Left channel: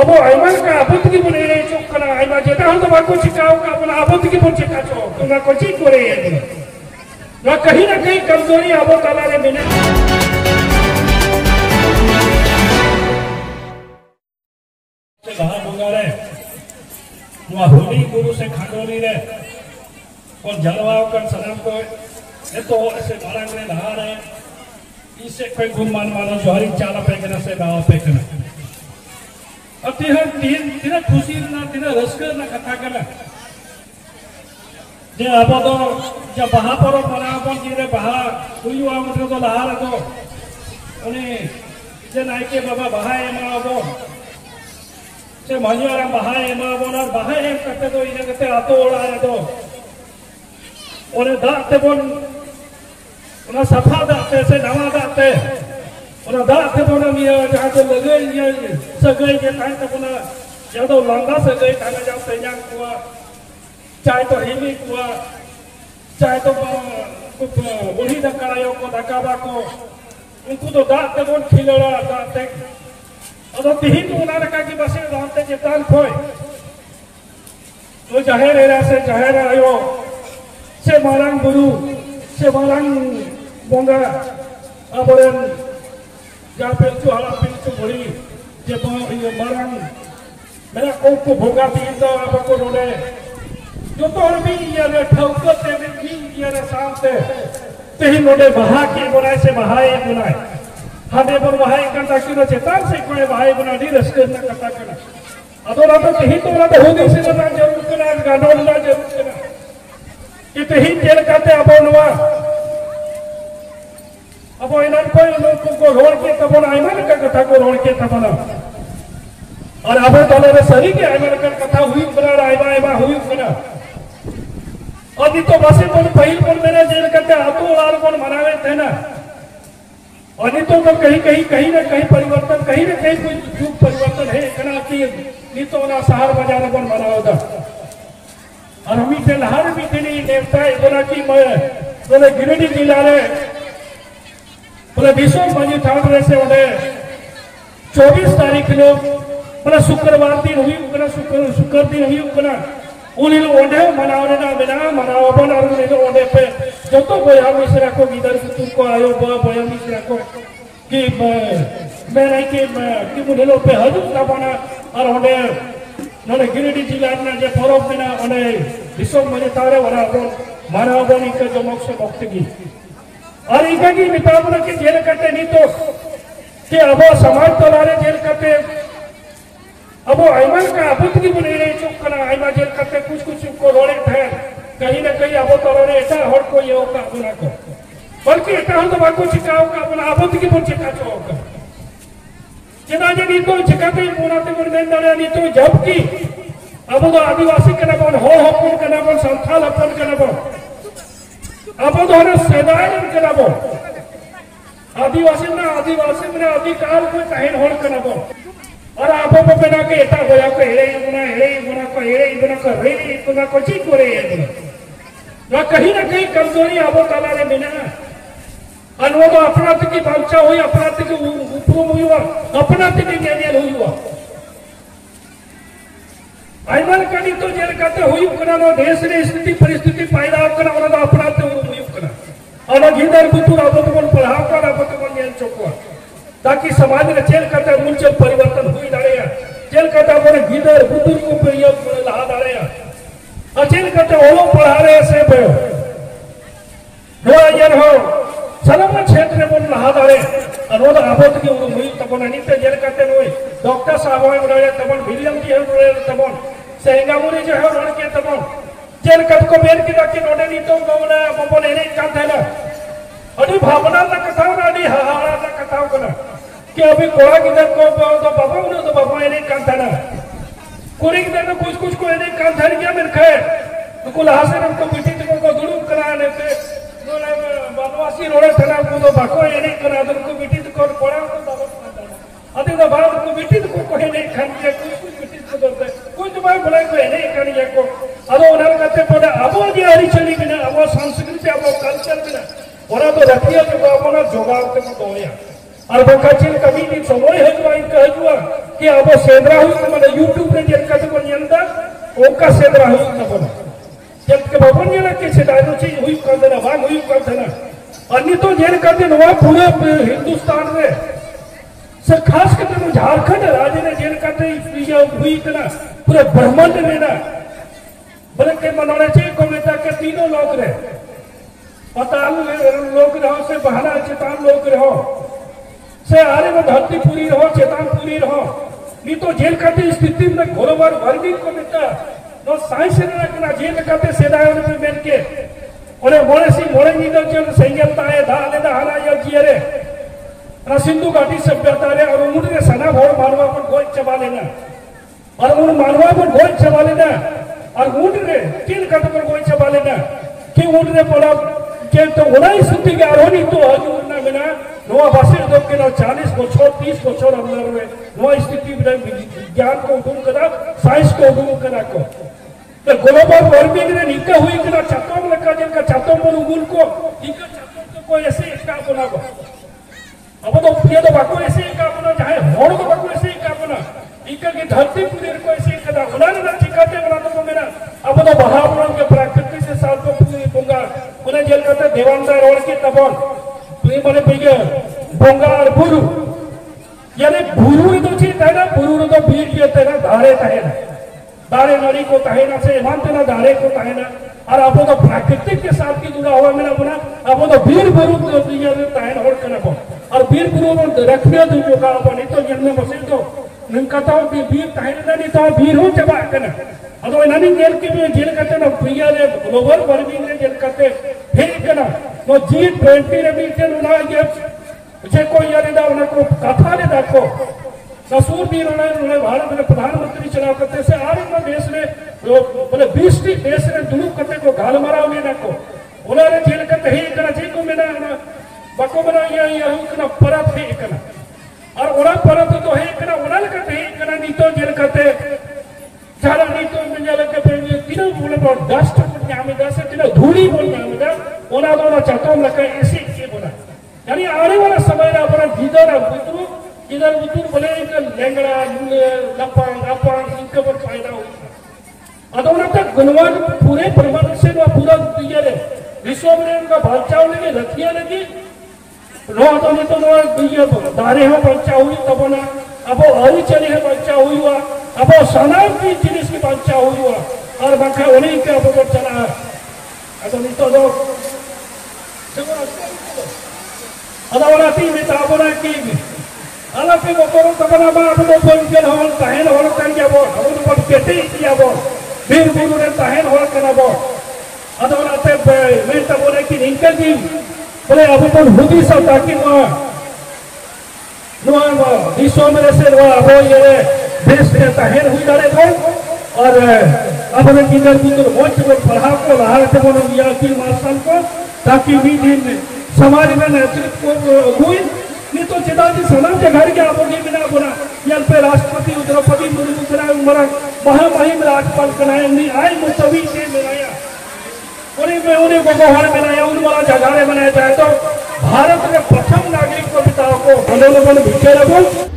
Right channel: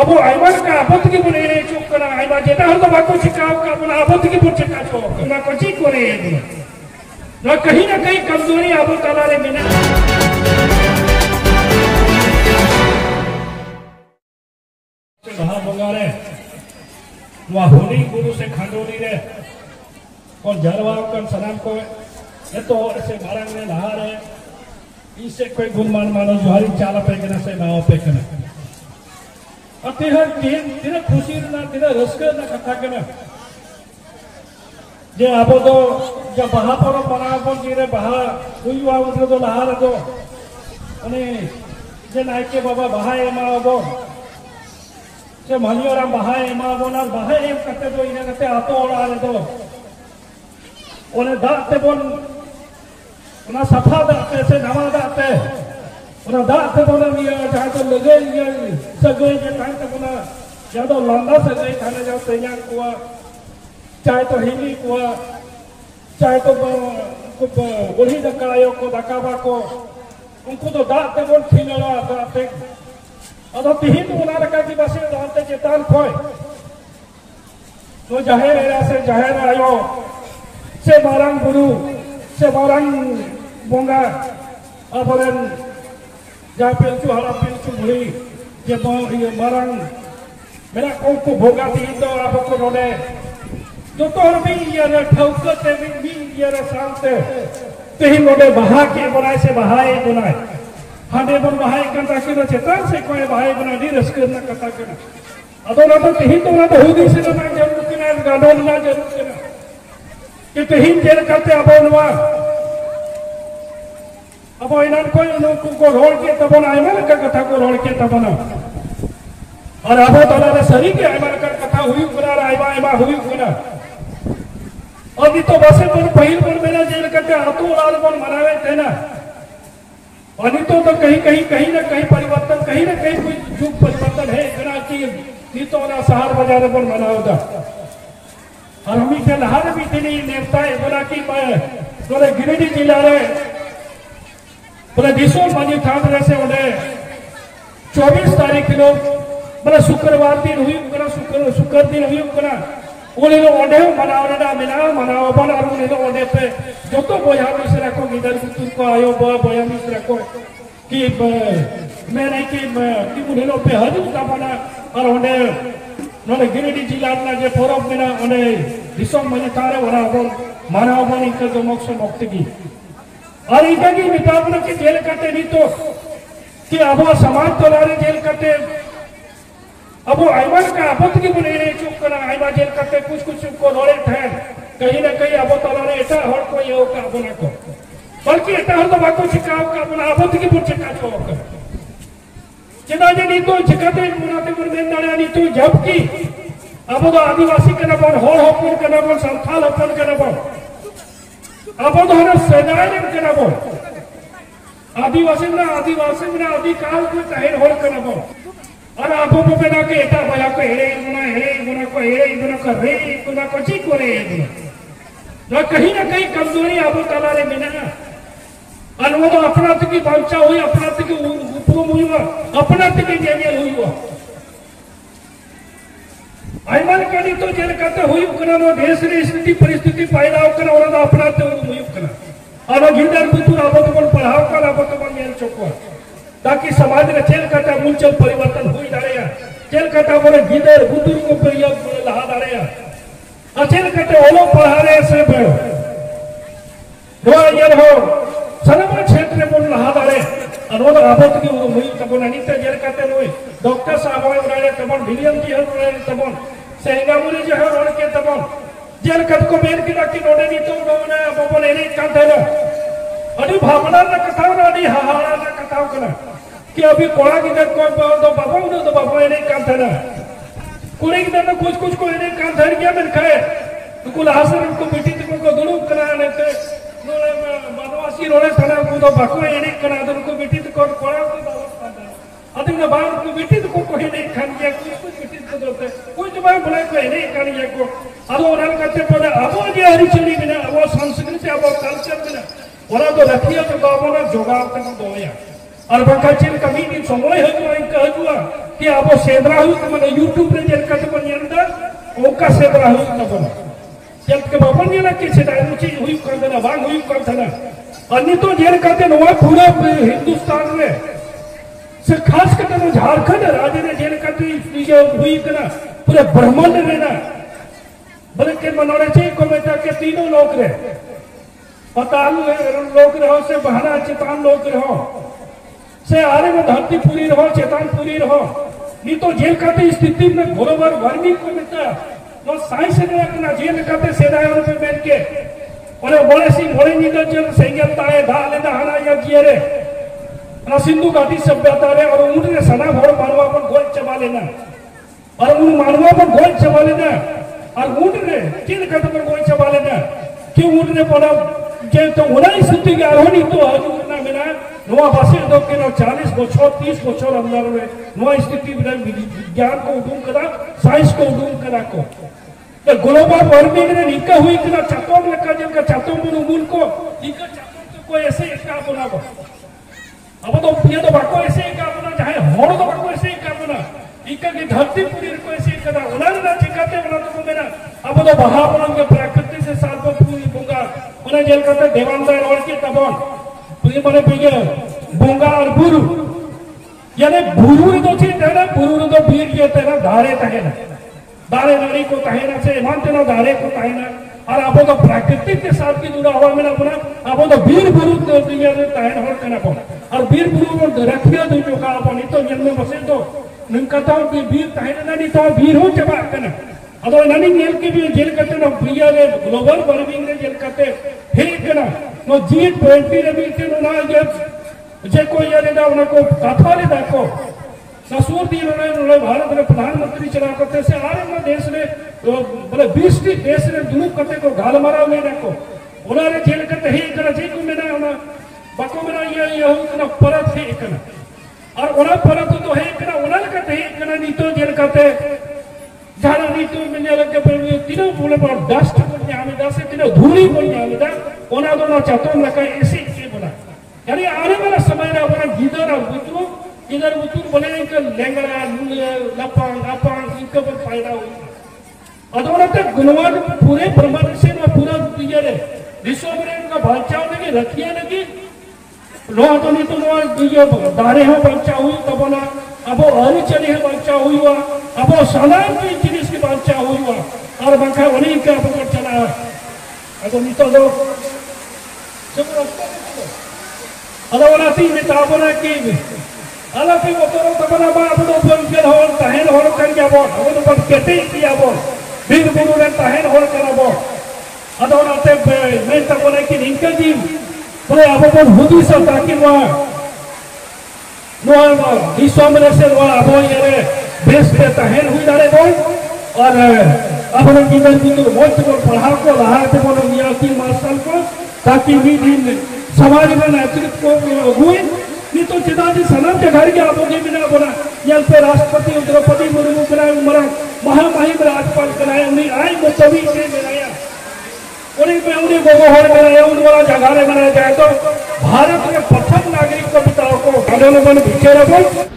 अब अब बन चुप जेटा हर बाको चिकाओ अब बन चिका को ची करे कहीं ना कहीं कमजोरी अब तालारे मिले होली गुरु से खांडोली रे कौन जलवा कौन सलाम को है तो ऐसे मारा में नहा रहे इससे कोई गुणमान वाला जोहरी चाल पे कना से गांव पे कना अति हर तीन खुशी ना तीन रसकर ना कथा कना जे आप तो जब बहा पर बना पर जे बहा हुई हुआ मतलब तो लहार तो उन्हें जे नाइके बाबा बहा एमा वो जे मलियाराम बहा एमा बोला बहा एक करते तो इन्हें करते आतो उड़ा रहे तो उन्हें दाते बोल ना सफा दाते से नवा दाते उन्हें दाते बोला मिया जहाँ तो लगे ये सगई के टाइम तक ना ज़्यादा लंबा सगई खाने जाओ तैयार हुआ चाहे तो हिली हुआ चाहे तो बुढ़ी दकायो को दकाबा को उनको तो दाते बोल खिलड़ा दाते अब तीन तो उन्हें रखा कि बस ये दाते चेतान खोए वो जाहिर है से जाहिर आयो से मारंग गुरु से मारंग बोंगा अब जा पिलचु हला पिलचु बुढ़ी जे तो ये मारंग मेरा को भोगा भी तो आपको रोने तो हर भी ये ठौके से भी ये शांत ते ही मोड़े बहा के बनाए से बहाए बनाए हमें पर बहाए करता कि न चेतान से कोई बहाए बना नहीं रसकर न करता कि अदोरा तो कहीं तो ना होगी से ना जरूर करना गाड़ो ना जरूर करना कि कहीं जेल करते अब नवा अब इन्हें कोई लोग को रोड के तब ना का कथा को रोड के तब ना और अब तो सही के आयमान का कथा हुई बना आयमा आयमा हुई बना अभी तो बसे तो पहल पर मेरा जेल करते आतो लाल पर मनावे थे ना अभी तो कहीं ना कहीं परिवर्तन कहीं ना कहीं कोई युग परिवर्तन है इतना कि नीतो ना सहार बाजार पर मना होगा और हम इसे लहार भी नहीं नेता इतना की मैं गिरिडीह जिला रे दिशो मनी ठाणे से उन्हें 24 तारीख लोग मतलब शुक्रवार दिन हुई शुक्र दिन हुई उन्हें ओडे मनावना बिना मनावबन और उन्हें ओडे पे जो तो बया मिश्रा को इधर तुमको आयो बया मिश्रा को कि मैंने कि उन्हें पे हजू ना बना और उन्हें गिरिडीह जिला ना जे फरक बिना उन्हें दिशो मनी तारे वाला मानवबन इनका जो मुक्त की और इनका की वितापना के जेल करते नहीं तो कि अब समाज तलारे जेल करते अब ऐमा का अब बनी चुप करना जेल करते कुछ को रोड़े थे कहीं ना कहीं अब तलारे ऐसा हर कोई हो का बना को बल्कि इतना हर बाको चिकाओ का बना अब बोल चिका तो चिदा जी नहीं तो चिकाते बोलाते बोल नहीं तो जबकि अब तो आदिवासी के नबन हो अपन के नबन संथाल अपन के नबन अब तो हमें सेदाय के नबन आदिवासी में अधिकाल को कहे होल के नबन और आप बना के एटा होया को हेरे बना को रे बना को ची करे ना कहीं ना कहीं कमजोरी अब तालारे मिले ना और वो तो अपना की बांचा हुई अपना की उपम हुई अपना की जेल हुई वो ऐमन का नहीं तो जेल करते हुई करना देश ने स्थिति परिस्थिति पैदा करना और अपना तो हुई करना और गिंदर बुतुर अब तो पढ़ाओ कर अब तो जेल चुका ताकि समाज में जेल करता मूलचल परिवर्तन हुई रहे जेल करता मेरे गिदर बुद्धि को प्रयोग लहा रहे और जेल करते ओलो पढ़ा रहे से हो सलमान क्षेत्र में लहा रहे और वो आबोध की मुई तबन अनित जेल करते हुए डॉक्टर साहब राजा तबन विलियम की है तबन सेंगामुरी जो है उनके तबन जेल कट को मेल की रखी नोडे नहीं तो दोना बबन एने का देना अभी भावना ना कथा ना दी हाहारा ना कथा करना कि अभी कोड़ा की दर को तो बाबू इन्हें काम था ना कोड़े की दर में कुछ को इन्हें काम धर गया मेरे खाए तो कुल हासिल उनको बिटी को दुरुप करा लेते बाबूवासी रोड़े था ना तो बाको इन्हें करा दो उनको बिटी को कोड़ा तो बाबू अभी ना बाहर को बिटी को कोई नहीं खान किया कुछ बिटी को दो कुछ मैं बोले को इन्हें खान को अदो उन्हें कहते पड़े अब जी हरिचंदी बिना अब संस्कृति अब कल्चर बिना और तो रखिए तो बाबू ना जोगाड़ कर दो और बंका चिल कभी दिन समय है जो इनका हुआ कि अब सेद्रा हुई मैंने यूट्यूब रे जेल करते बन जानता ओका सेद्रा हुई तब ना जब के बाबन ने के सेदाई ची हुई कर देना वांग हुई कर देना अन्य तो जेल करते नवा पूरा हिंदुस्तान में से खास करके झारखंड राज्य ने जेल करते ये हुई करना पूरे ब्रह्मांड में ना बोले के मनोरे छे को में के तीनों लोग रे पताल लोग रहो से बहाना चेतान लोग रहो से आरे में धरती पूरी रहो चेतान पूरी रहो नहीं तो जेल करते स्थिति में घोरवार गर्मी को मिलता वो साइंस से ना जेल करते सेनाओं पे बैठ के और बोले सी मोड़े नींदा जो संगीता है धाले धाना या जियरे ना सिंधु घाटी सभ्यता रे और उन्होंने सना भोर मारवा पर गोल चबा लेना और उन मारवा पर गोल चबा लेना और ऊँट ने तीन कदम पर गोल चबा लेना कि ऊँट ने पड़ा जे तो उन्हें स्थिति के आरोही तो हजूर ना मिला नवा बासे दो के नो 40 बच्चों 30 बच्चों अंदर में नवा स्थिति में विज्ञान को उड़ूम करा साइंस को उड़ूम करा को तो ग्लोबल वार्मिंग ने निका हुई करा चट्टों में लगा जिनका चट्टों पर उगुल को निका चट्टों को कोई ऐसे एक का बना को अब तो पिया तो बाको ऐसे एक का बना चाहे होड़ तो बाको ऐसे एक का बना इका की धरती पूरी को ऐसे एक करा उन्हें ना चिकाते बना तो मेरा अब तो बहावरण के प्रकृति से साथ को पूरी होगा उन्हें जेल करते दीवानदार और की तबों मैंने भैया बंगाल बुरु यानी बुरु तो चीज है ना बुरु तो बीर ये तेरा धारे कहे ना धारे नारी को कहे ना से ईमान तेरा धारे को कहे ना और अब तो प्राकृतिक के साथ की जुड़ा हुआ मैंने अपना अब तो वीर बुरु तो दुनिया में कहे और कहना को और वीर बुरु में रखिए दुनिया का अपन तो जन्म बसे तो निमका तो वीर कहे ना नहीं तो वीर हो चबा कहना अदो इन्हें जेल के भी जेल करते ना प्रिया ने ग्लोबल वार्मिंग ने जेल करते फिर कहना वो G20 ने भी के ना ये जे कोई यानी ना उनको कथा ने देखो ससुर दिन उन्होंने भारत में प्रधानमंत्री चला करते से आज में देश ने बोले 20 देश ने दुरुप करते को गाल मारा हुए देखो उन्होंने जेल करते ही करना जी को मिला उन्हें बको मिला ये उन्हें परत ही करना और उन्हें परत तो है करना उन्हें करते ही करना नहीं तो जेल करते जहाँ नहीं तो मिलने लगे फिर तीनों बोले और डस्ट बोलने हमें जैसे तीनों धूली बोलने हमें उन्हें दोनों चाहता हूँ रखा ऐसे के बोला यानी आने वाला समय ना बोला जिधर बुतरू बोले इनका लेंगड़ा लपांग लपांग इनके पर फायदा होगा अदोना तक गुणवान पूरे ब्रह्मांड से ना पूरा ये रे विश्व में उनका भाषा लगी रखिया लगी रोह तो ये दारे हैं बच्चा हुई तब ना अब और चले हैं बच्चा हुई हुआ अब सलाम की जिनिस की बच्चा हुई हुआ और बाकी उन्हीं के अब चला अब नहीं तो लोग अलग तीन ताबना की अलग की बतौर तबना बाप लोग के हो तहन हो कर के वो अब तो कहते किया वो फिर गुरु ने तहन हो कर वो अदोना तक मैं तब बोले कि इनका जी बोले अब तो हुदी सा ताकि वहाँ विश्व में से अब ये देश में तहन हुई डाले वो और अपने जीवन की बहुत पढ़ा को लहा के बोले विद्यार्थी मास्टर को ताकि भी दिन समाज में नेतृत्व को हुई नहीं तो जितना भी सलाम के घर के आप बिना बोला यहाँ पे राष्ट्रपति द्रौपदी मुर्मू बना मरा महामहिम राज्यपाल बनाया उन्हें आई मुतवी से बनाया उन्हें गोहर बनाया उन वाला जगह बनाया जाए तो भारत में प्रथम नागरिक को बिताओ को बने भिखे रखो